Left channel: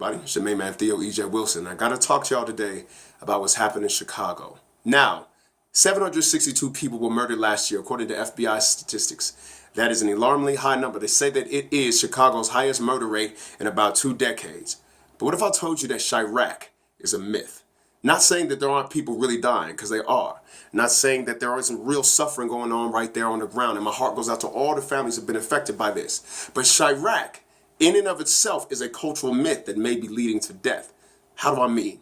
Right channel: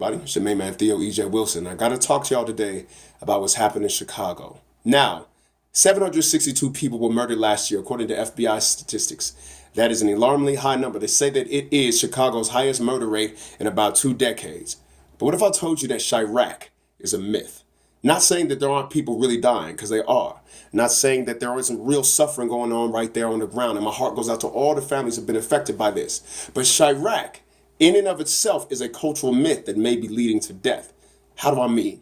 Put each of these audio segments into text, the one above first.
everybody? It's your main man, Theo E.J. Wilson. I got to talk to y'all today about what's happening in Chicago. Now, 762 people were murdered last year, according to FBI statistics. That is an alarmingly high number. They say that it is Chicago's highest murder rate in about 2 decades. But what if I told you that Chi-Raq is a myth? Not saying that there aren't people really dying, because they are. Not saying that there isn't real suffering going on right there on the ground. And my heart goes out to all the families that have been affected by this. But Chi-Raq, in and of itself, is a cultural myth that may be leading to death. How do I mean?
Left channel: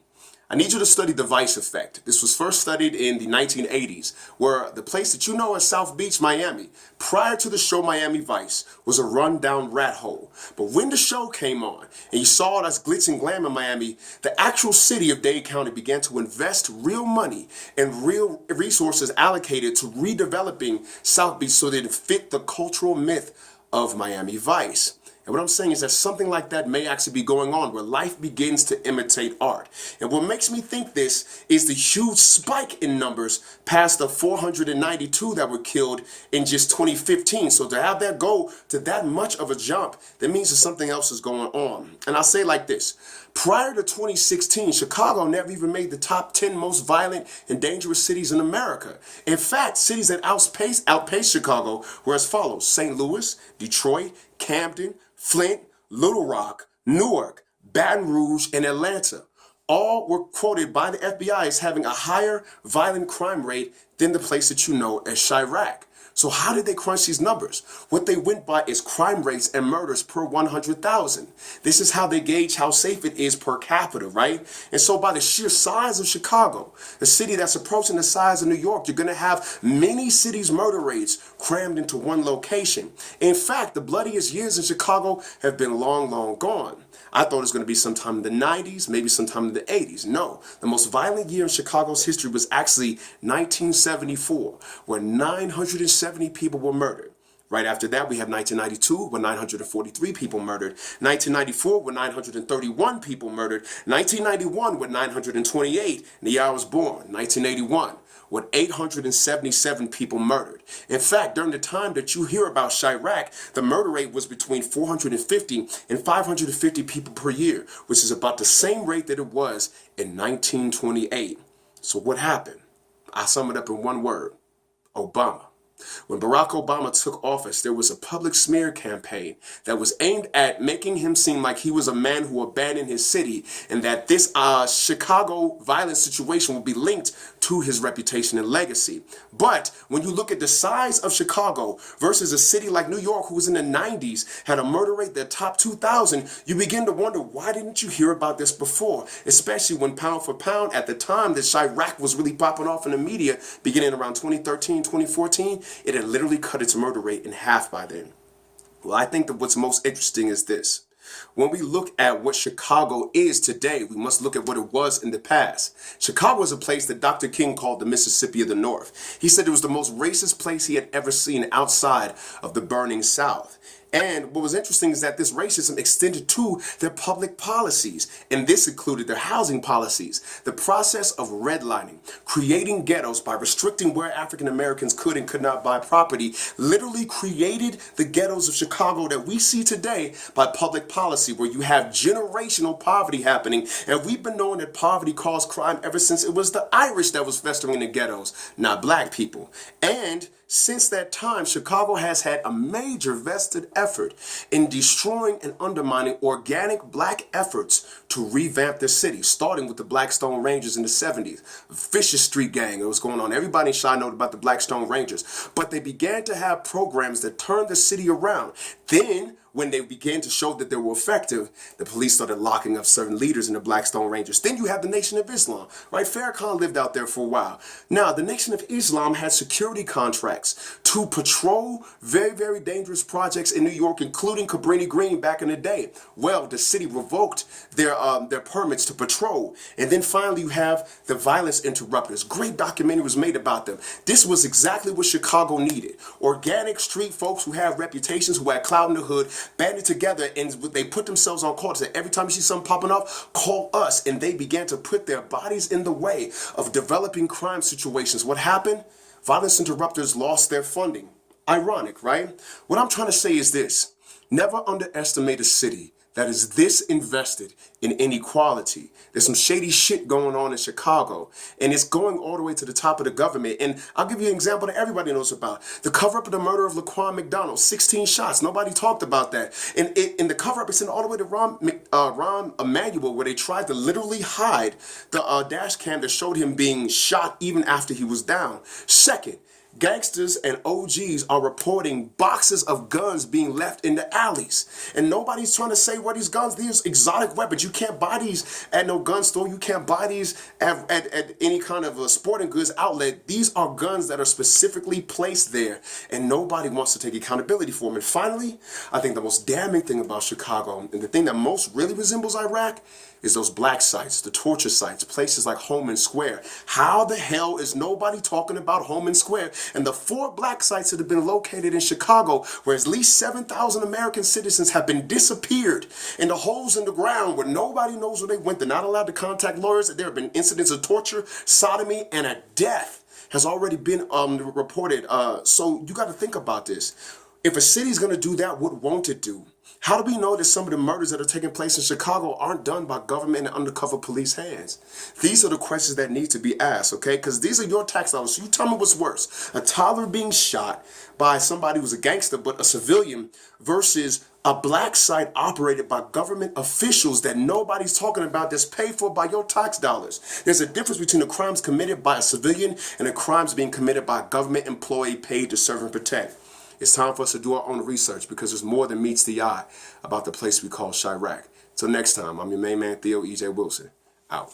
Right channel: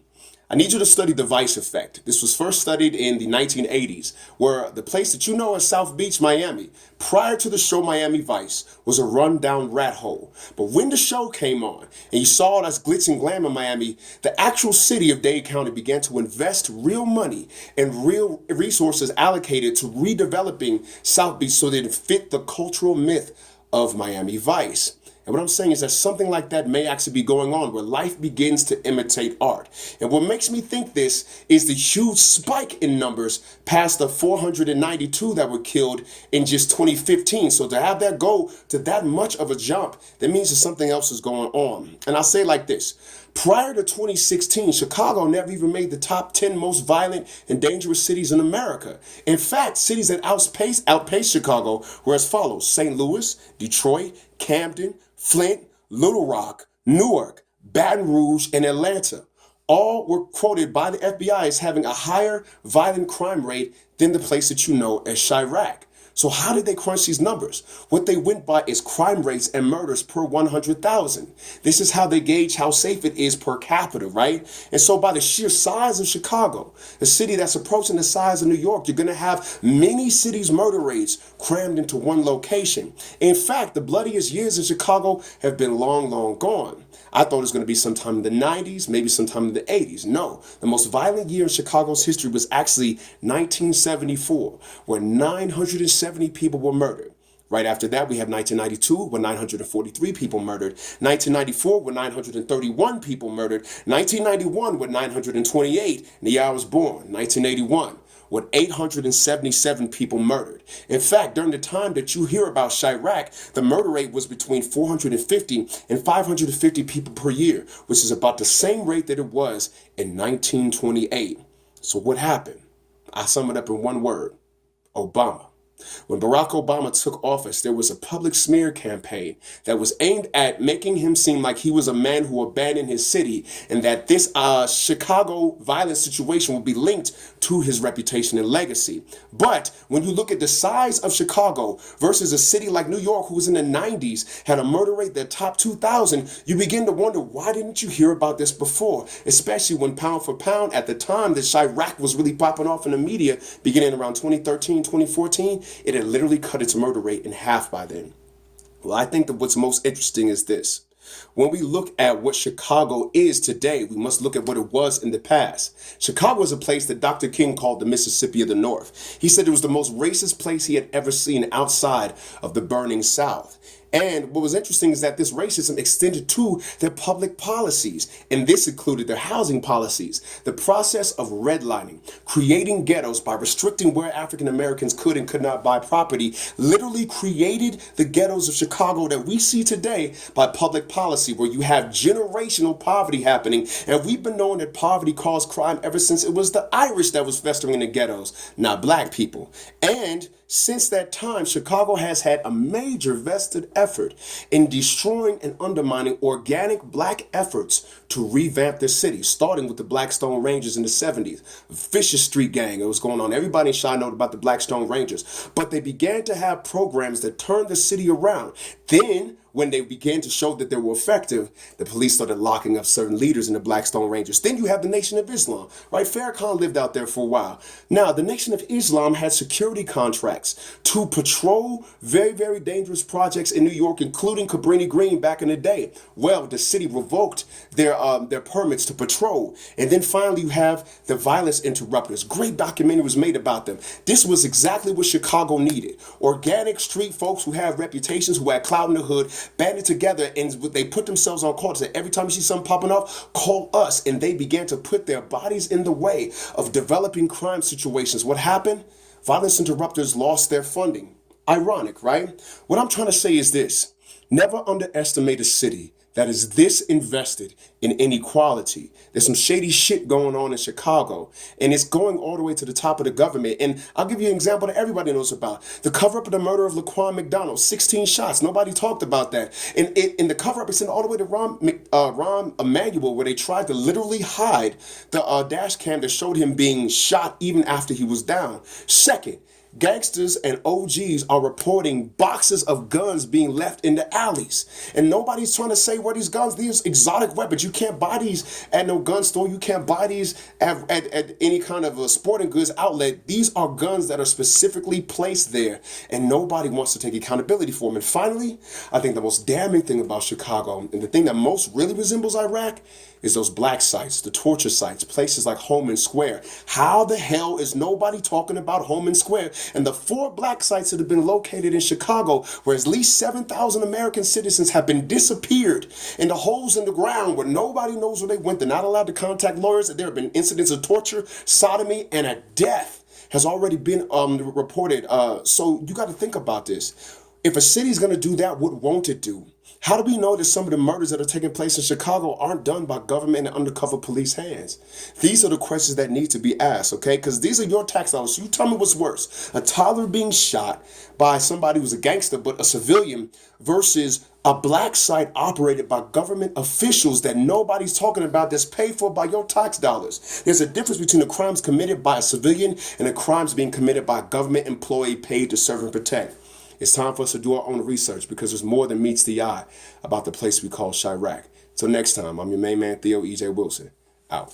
I need you to study the Vice effect. This was first studied in the 1980s, where the place that you know as South Beach, Miami, prior to the show Miami Vice, was a rundown rat hole. But when the show came on, and you saw it as glitz and glam in Miami, the actual city of Dade County began to invest real money and real resources allocated to redeveloping South Beach so that it fit the cultural myth of Miami Vice. And what I'm saying is that something like that may actually be going on, where life begins to imitate art. And what makes me think this is the huge spike in numbers past the 492 that were killed in just 2015. So to have that go to that much of a jump, that means that something else is going on. And I'll say it like this. Prior to 2016, Chicago never even made the top 10 most violent and dangerous cities in America. In fact, cities that outpaced Chicago were as follows: St. Louis, Detroit, Camden, Flint, Little Rock, Newark, Baton Rouge, and Atlanta. All were quoted by the FBI as having a higher violent crime rate than the place that you know as Chi-Raq. So how did they crunch these numbers? What they went by is crime rates and murders per 100,000. This is how they gauge how safe it is per capita, right? And so by the sheer size of Chicago, a city that's approaching the size of New York, you're going to have many cities' murder rates crammed into one location. In fact, the bloodiest years in Chicago have been long, long gone. I thought it was going to be sometime in the 90s, maybe sometime in the 80s. No, the most violent year in Chicago's history was actually 1974, where 970 people were murdered. Right after that, we have 1992, where 943 people murdered. 1994, where 931 people murdered. 1991, with 928, and the year I was born, 1981. With 877 people murdered. In fact, during the time that you hear about Chi-Raq, the murder rate was between 450 and 550 people per year, which is about the same rate that it was in 1928. So what happened? I sum it up in one word: Obama. When Barack Obama took office, there was a public smear campaign that was aimed at making him seem like he was a man who abandoned his city, and that this Chicago violence situation will be linked to his reputation and legacy. But when you look at the size of Chicago versus a city like New York, who was in the 90s, had a murder rate that topped 2,000, you begin to wonder, why didn't you hear about this before? Especially when pound for pound, at the time that Chi-Raq was really popping off in the media, beginning around 2013, 2014, it had literally cut its murder rate in half by then. Well, I think that what's most interesting is this. When we look at what Chicago is today, we must look at what it was in the past. Chicago is a place that Dr. King called the Mississippi of the North. He said it was the most racist place he had ever seen outside of the burning South. And what was interesting is that this racism extended to their public policies, and this included their housing policies. The process of redlining, creating ghettos by restricting where African Americans could and could not buy property, literally created the ghettos of Chicago that we see today by public policy, where you have generational poverty happening. And we've been knowing that poverty caused crime ever since it was the Irish that was festering in the ghettos, not black people. And since that time, Chicago has had a major vested effort in destroying and undermining organic black efforts to revamp the city, starting with the Blackstone Rangers in the 70s. Vicious street gang, it was going on. Everybody in Chi knows about the Blackstone Rangers. But they began to have programs that turned the city around. Then, when they began to show that they were effective, the police started locking up certain leaders in the Blackstone Rangers. Then you have the Nation of Islam, right? Farrakhan lived out there for a while. Now, the Nation of Islam had security contracts to patrol very, very dangerous projects in New York, including Cabrini Green back in the day. Well, the city revoked their permits to patrol. And then finally, you have the violence interrupters. Great documentary was made about them. This was exactly what Chicago needed. Organic street folks who have reputations, who had clout in the hood, banded together, and they put themselves on call to say, every time you see something popping off, call us. And they began to put their bodies in the way of developing crime situations. What happened? Violence interrupters lost their funding. Ironic, right? What I'm trying to say is this: never underestimate a city that is this invested in inequality. There's some shady shit going on in Chicago, and it's going all the way to the top of the government. And I'll give you an example that everybody knows about. The cover-up of the murder of Laquan McDonald, 16 shots. Nobody talked about that. And in the cover-up, it's in all the way to Rahm Emanuel, where they tried to literally hide the dash cam that showed him being shot even after he was down. Second, gangsters and OGs are reporting boxes of guns being left in the alleys. And nobody's trying to say where these guns, these exotic weapons. You can't buy these at no gun store. You can't buy these at any kind of a sporting goods outlet. These are guns that are specifically placed there, and nobody wants to take accountability for them. And finally, I think the most damning thing about Chicago, and the thing that most really resembles Iraq, is those black sites, the torture sites, places like Homan Square. How the hell is nobody talking about Homan Square and the 4 black sites that have been located in Chicago, where at least 7,000 American citizens have been disappeared in the holes in the ground where nobody knows where they went? They're not allowed to contact lawyers. There have been incidents of torture, sodomy, and a death has already been reported. So you got to think about this. If a city's going to do that, what won't it do? How do we know that some of the murders that are taking place in Chicago aren't done by government and undercover police hands? These are the questions that need to be asked, okay? Because these are your tax dollars. So you tell me what's worse. A toddler being shot by somebody who's a gangster but a civilian versus a black site operated by government officials that nobody's talking about, that's paid for by your tax dollars. There's a difference between the crimes committed by a civilian and the crimes being committed by a government employee paid to serve and protect. It's time for us to do our own research, because there's more than meets the eye about the place we call Chi-Raq. Till next time, I'm your main man, Theo E.J. Wilson. Out.